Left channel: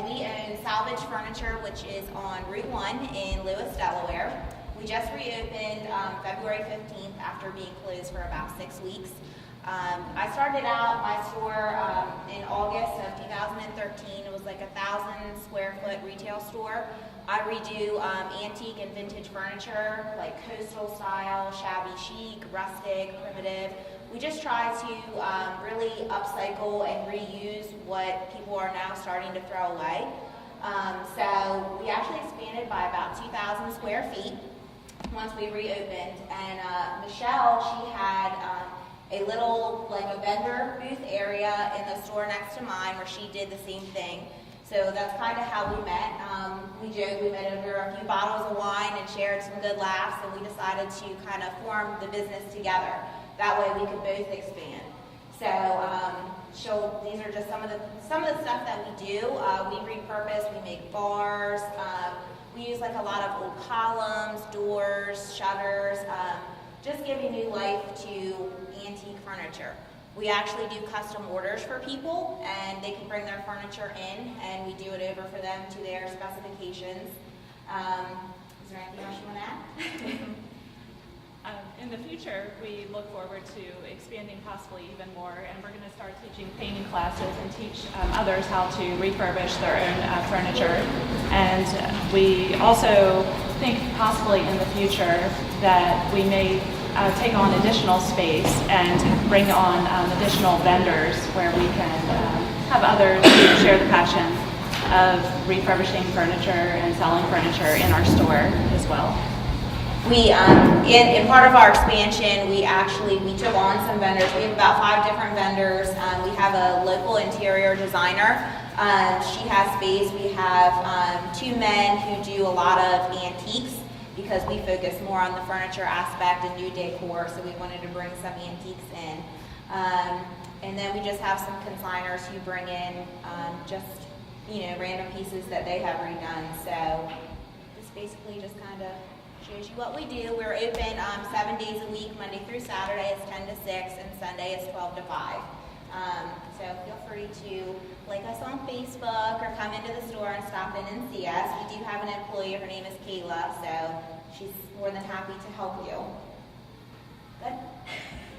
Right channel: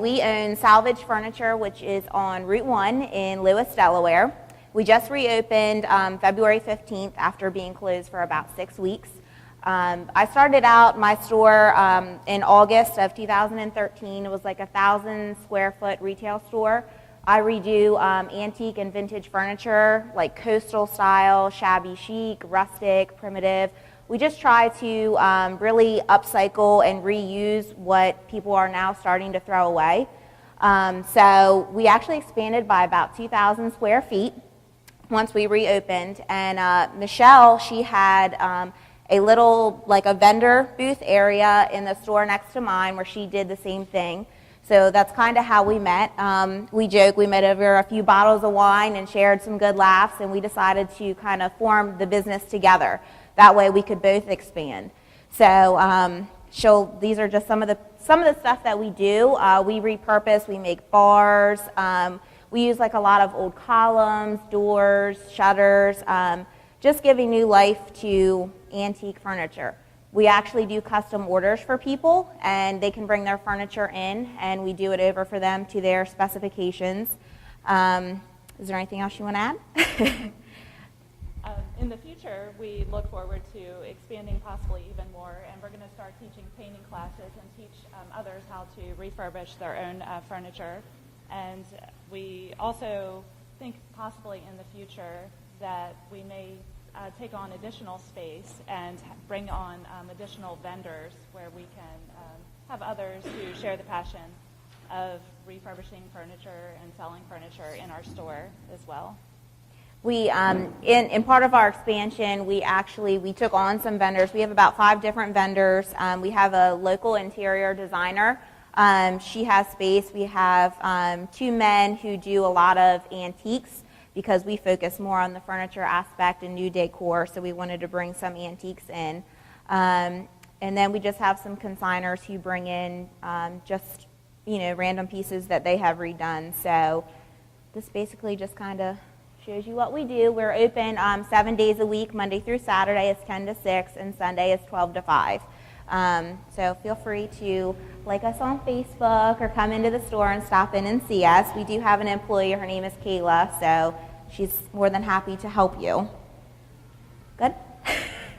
We own Salvaged Furniture, which is on Route 1 in Lewis, Delaware. We just reopened February 15th after being closed for about 6 weeks. I started out my store in August of 2013. It was like a 1,000 square foot retail store. I redo antique and vintage furniture, like coastal style, shabby chic, rustic, primitive. We just try to really upcycle and reuse what people are now starting to throw away. So we actually expanded by about 2,000 square feet once we reopened. And Michelle, she had a little, like a vendor booth area in the store next to mine where she did the same thing. So that's kind of how we met. We joke, we met over a few bottles of wine and shared some good laughs, and we decided to kind of form the business together. That way we could both expand. So these are just some of the stuff that we do. We repurpose, we make bars. We use like a lot of old columns, doors, shutters, just giving new life to antique furniture. We actually do custom orders for people, and they can bring their furniture in, and we do it over for them to their specifications. Is there anything else you want to add? In the future, we look forward to expanding possibly even more, and we're going to start teaching painting classes and teach others how to refurbish their own furniture. And we also think possibly in the future that we may take on additional space and bring on additional vendors where we can have others who share the passion of refurbishing furniture and selling furniture in our store as well. We, in part of our expansion, we took on some vendors. We have about 5 different vendors. We have a local interior designer. She has space. We have 2 men who do a lot of antiques because we focus more on the furniture aspect and new decor, so we wanted to bring some antiques in. And then we just have some consigners who bring in just, random pieces that they have redone. So this basically just kind of shows you what we do. We're open 7 days a week. Monday through Saturday is 10 to 6, and Sunday is 12 to 5. So feel free to like us on Facebook or come into the store and stop in and see us. We do have an employee. Her name is Kayla, so she's more than happy to help you. Good?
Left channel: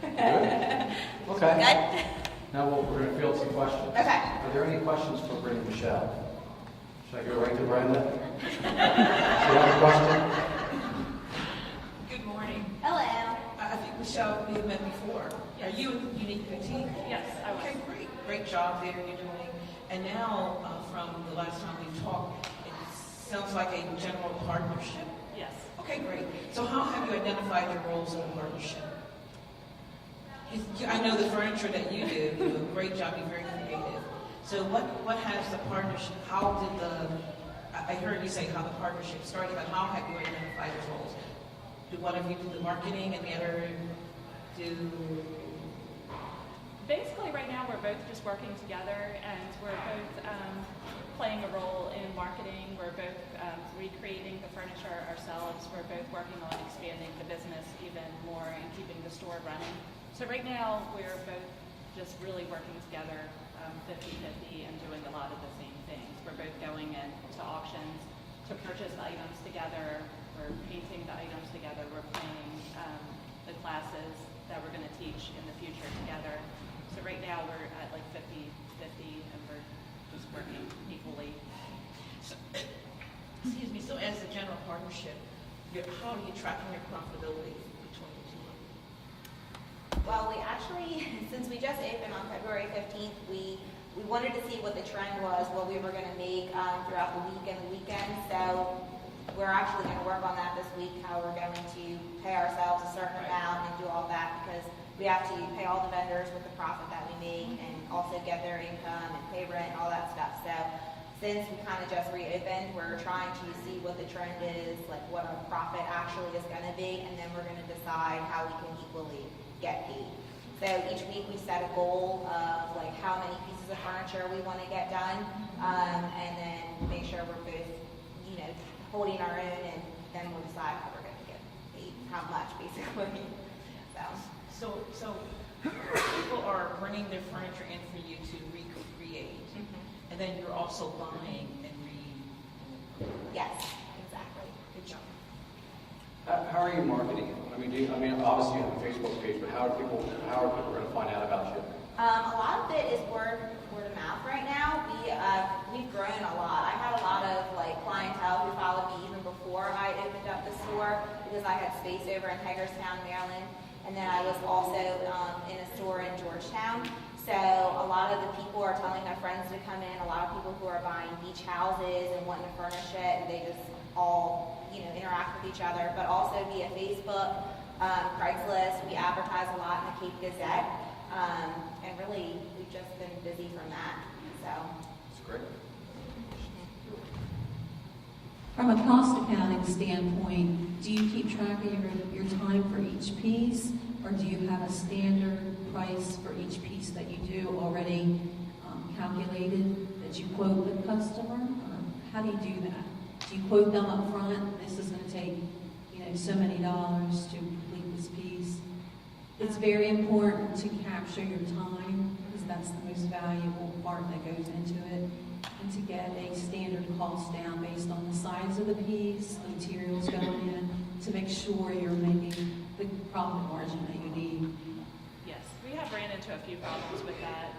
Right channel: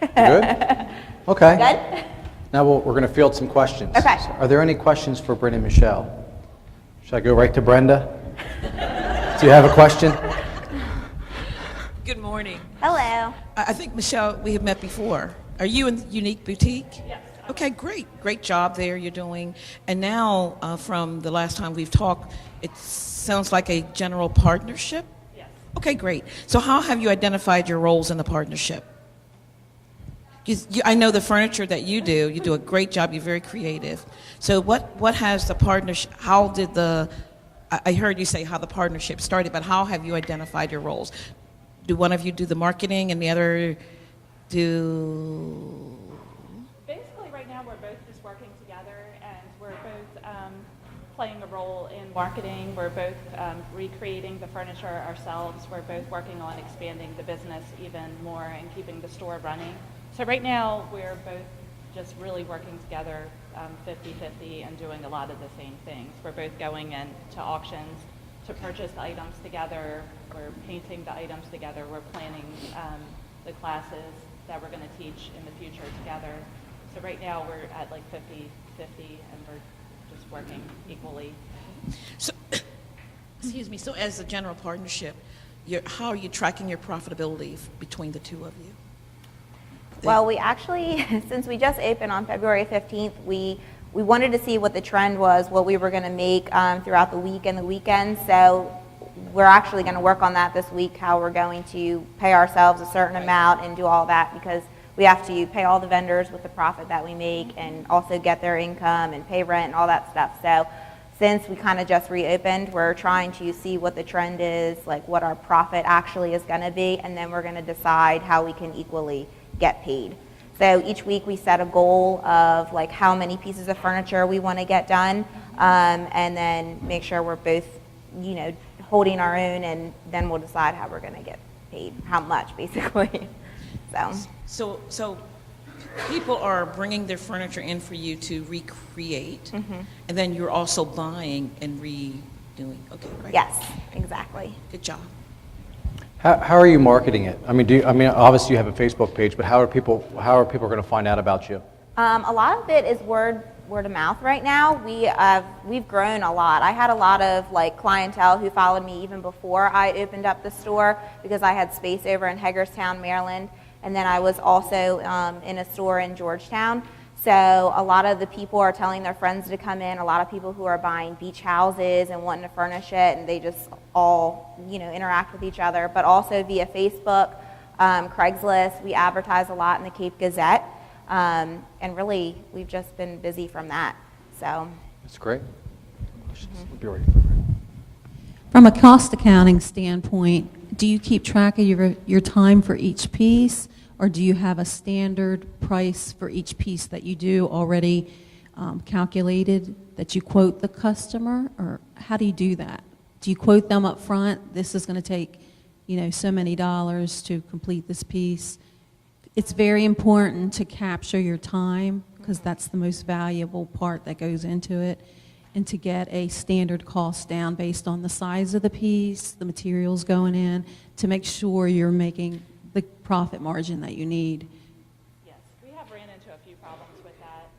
Good? Okay. Good? Now we're going to field some questions. Okay. Are there any questions for Brenda and Michelle? Should I go right to Brenda? Do you have a question? Good morning. Hello. I think, Michelle, we have met before. Are you in Unique Boutique? Yes. Okay, great. Great job there you're doing. And now, from the last time we've talked, it sounds like a general partnership? Yes. Okay, great. So how have you identified your roles in the partnership? I know the furniture that you do a great job, you're very creative. So what has the partnership, I heard you say how the partnership started, but how have you identified your roles? Do one of you do the marketing and the other do? Basically, right now we're both just working together, and we're both playing a role in marketing. We're both recreating the furniture ourselves. We're both working on expanding the business even more and keeping the store running. So right now we're both just really working together 50-50 and doing a lot of the same things. We're both going into auctions to purchase items together. We're painting the items together. We're planning the classes that we're going to teach in the future together. So right now we're at like 50-50 and we're just working equally. So, excuse me, so as a general partnership, how are you tracking your profitability between the two of you? Well, we actually, since we just opened on February 15th, we wanted to see what the trend was, what we were going to make throughout the week and the weekend. So we're actually going to work on that this week, how we're going to pay ourselves a certain amount and do all that, because we have to pay all the vendors with the profit that we make and also get their income and pay rent and all that stuff. So since we kind of just reopened, we're trying to see what the trend is, like what our profit actually is going to be, and then we're going to decide how we can equally get paid. So each week we set a goal of like how many pieces of furniture we want to get done, and then make sure we're both, holding our own, and then we'll decide how we're going to get paid, how much basically. So People are bringing their furniture in for you to recreate, and then you're also buying and redoing. Okay, right. Yes, exactly. Good job. How are you marketing it? I mean, obviously you have a Facebook page, but how are people going to find out about you? A lot of it is word of mouth right now. We've grown a lot. I had a lot of like clientele who followed me even before I opened up the store because I had space over in Hagerstown, Maryland, and then I was also in a store in Georgetown. So a lot of the people are telling their friends to come in. A lot of people who are buying beach houses and wanting to furnish it, and they just all interact with each other. But also via Facebook, Craigslist. We advertise a lot in the Cape Gazette. And really, we've just been busy from that. So That's great. Bjork. From a cost accounting standpoint, do you keep track of your time for each piece, or do you have a standard price for each piece that you do already calculated that you quote the customer, or how do you do that? Do you quote them up front, this is going to take, so many dollars to complete this piece? It's very important to capture your time because that's the most valuable part that goes into it, and to get a standard cost down based on the size of the piece, the materials going in, to make sure you're making the profit margin that you need. Yes, we have ran into a few problems with that.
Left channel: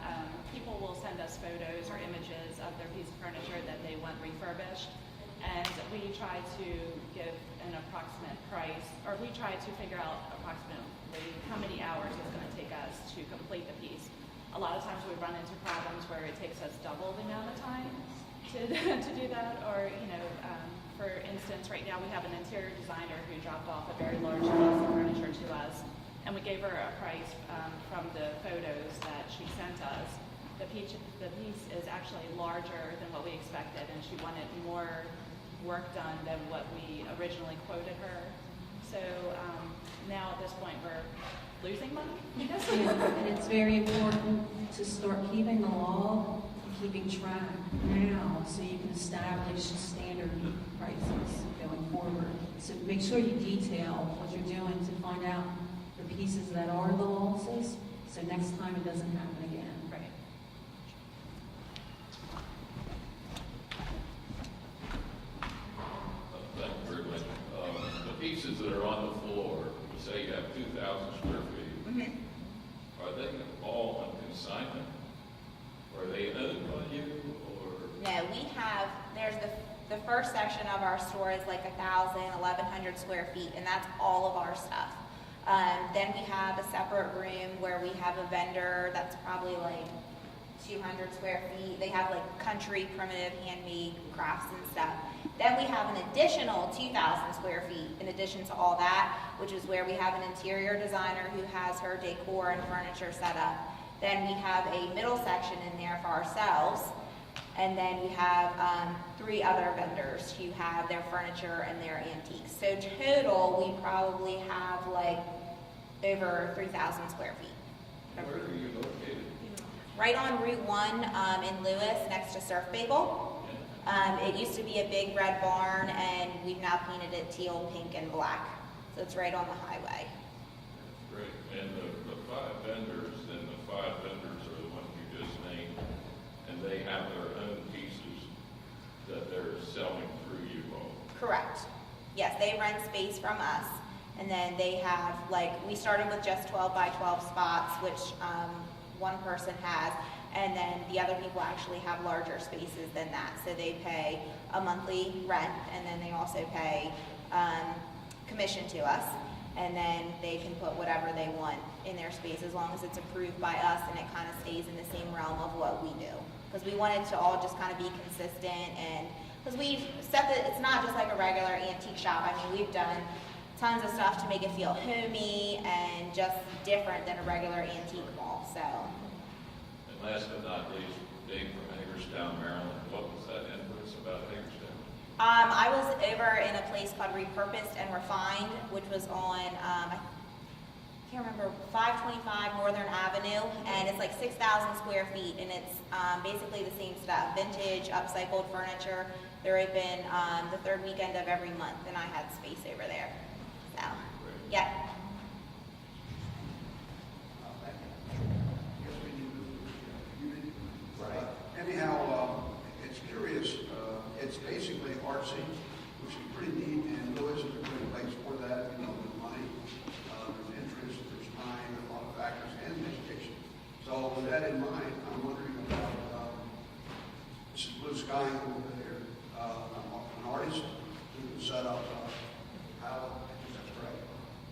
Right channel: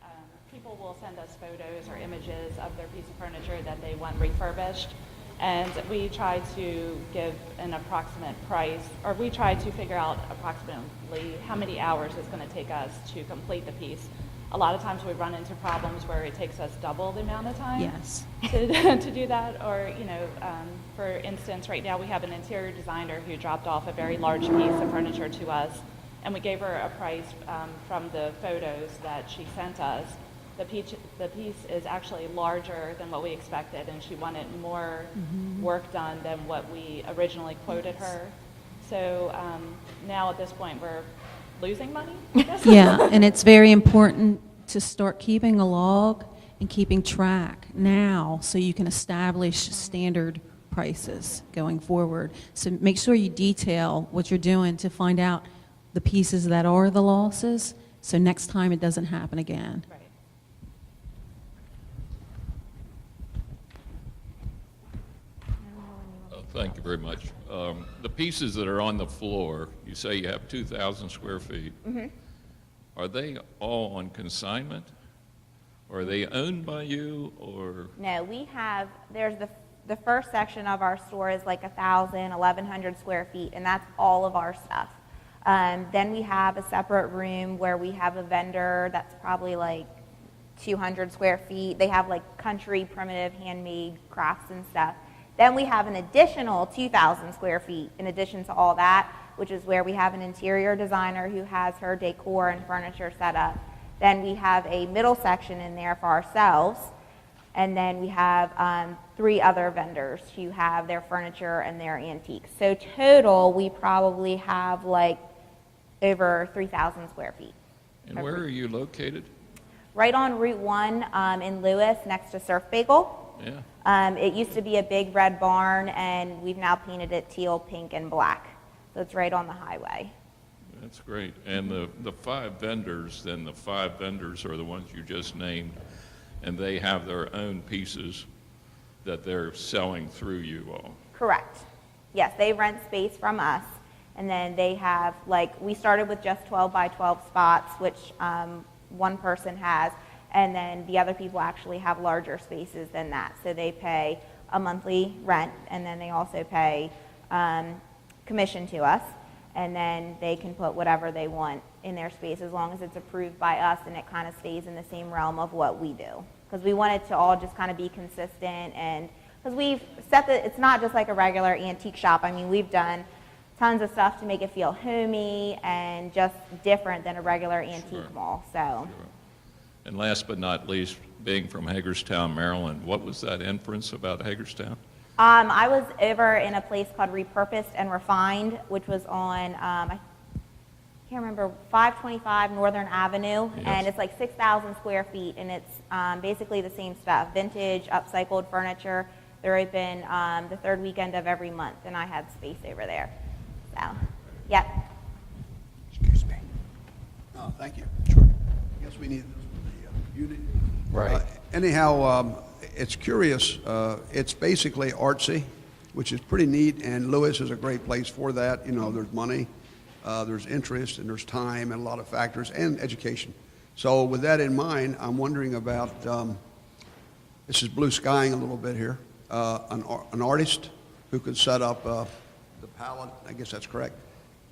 People will send us photos or images of their piece of furniture that they want refurbished, and we try to give an approximate price, or we try to figure out approximately how many hours it's going to take us to complete the piece. A lot of times we run into problems where it takes us double the amount of time Yes. to do that, or for instance, right now we have an interior designer who dropped off a very large piece of furniture to us, and we gave her a price from the photos that she sent us. The piece is actually larger than what we expected, and she wanted more work done than what we originally quoted her. So now at this point we're losing money. Yeah, and it's very important to start keeping a log and keeping track now so you can establish standard prices going forward. So make sure you detail what you're doing to find out the pieces that are the losses, so next time it doesn't happen again. Right. Thank you very much. The pieces that are on the floor, you say you have 2,000 square feet. Are they all on consignment? Are they owned by you, or? no, there's the first section of our store is like 1,000, 1,100 square feet, and that's all of our stuff. Then we have a separate room where we have a vendor that's probably like 200 square feet. They have like country, primitive, handmade crafts and stuff. Then we have an additional 2,000 square feet in addition to all that, which is where we have an interior designer who has her decor and furniture set up. Then we have a middle section in there for ourselves. And then we have 3 other vendors who have their furniture and their antiques. So total, we probably have like over 3,000 square feet. And where are you located? Right on Route 1 in Lewis, next to Surf Bagel. Yeah. It used to be a big red barn, and we've now painted it teal, pink, and black. So it's right on the highway. That's great. And the 5 vendors, then the 5 vendors are the ones you just named, and they have their own pieces that they're selling through you all. Correct. Yes, they rent space from us, and then they have, we started with just 12 by 12 spots, which one person has, and then the other people actually have larger spaces than that. So they pay a monthly rent, and then they also pay commission to us, and then they can put whatever they want in their space as long as it's approved by us and it kind of stays in the same realm of what we do. Because we want it to all just kind of be consistent, and because we've set it's not just like a regular antique shop. I mean, we've done tons of stuff to make it feel homey and just different than a regular antique mall. So. And last but not least, being from Hagerstown, Maryland, what was that inference about Hagerstown? I was over in a place called Repurposed and Refined, which was on, I can't remember, 525 Northern Avenue, Yes. and it's like 6,000 square feet, and it's basically the same stuff, vintage, upcycled furniture. They're open the 3rd weekend of every month, and I had space over there. So, yeah. Excuse me. Oh, thank you. Right. Anyhow, it's curious. It's basically artsy, which is pretty neat, and Lewis is a great place for that. You know, there's money, there's interest, and there's time, and a lot of factors, and education. So with that in mind, I'm wondering about, this is blue skying a little bit here, an artist who could set up the palette, I guess that's correct,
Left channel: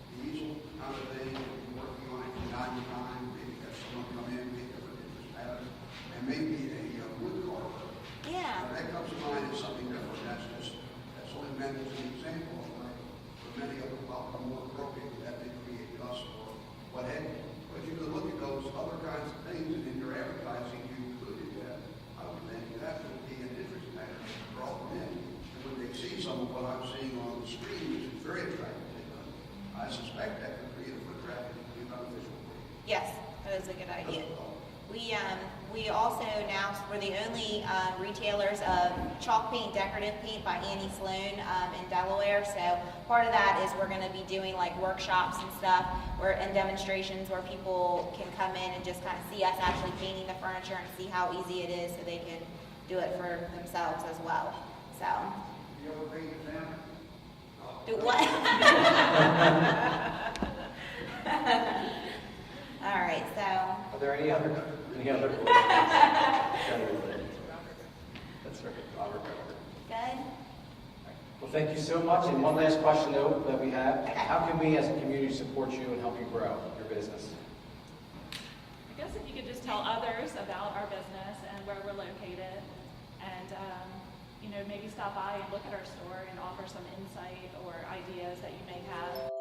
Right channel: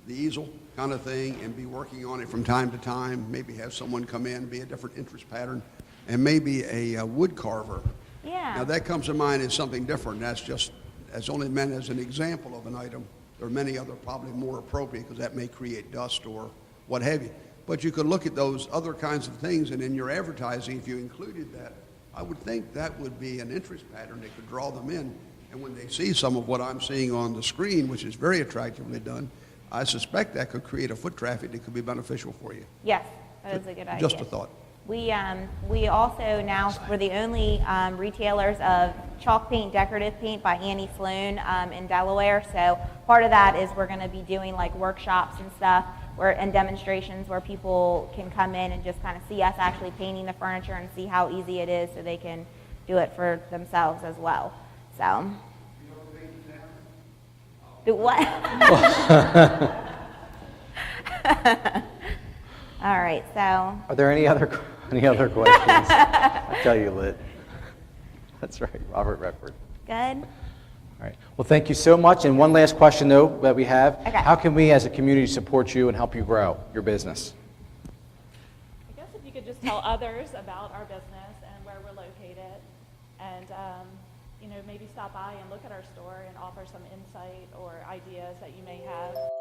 the easel kind of thing, and be working on it from time to time, maybe have someone come in, be a different interest pattern, and maybe a wood carver. Yeah. Now that comes to mind as something different. That's only meant as an example of an item. There are many other probably more appropriate because that may create dust or what have you. But you could look at those other kinds of things, and in your advertising, if you included that, I would think that would be an interest pattern that could draw them in. And when they see some of what I'm seeing on the screen, which is very attractively done, I suspect that could create a foot traffic that could be beneficial for you. Yes, that is a good idea. Just a thought. We also now, we're the only retailers of Chalk Paint Decorative Paint by Annie Sloan in Delaware. So part of that is we're going to be doing like workshops and stuff and demonstrations where people can come in and just kind of see us actually painting the furniture and see how easy it is so they can do it for themselves as well. So. Do what? All right, so. Are there any other questions? I'll tell you, Lit. That's right, Robert Redford. Good. All right. Well, thank you so much. And one last question, though, that we have. Okay. How can we as a community support you and help you grow your business? I guess if you could just tell others about our business and where we're located, and maybe stop by and look at our store and offer some insight or ideas that you may have.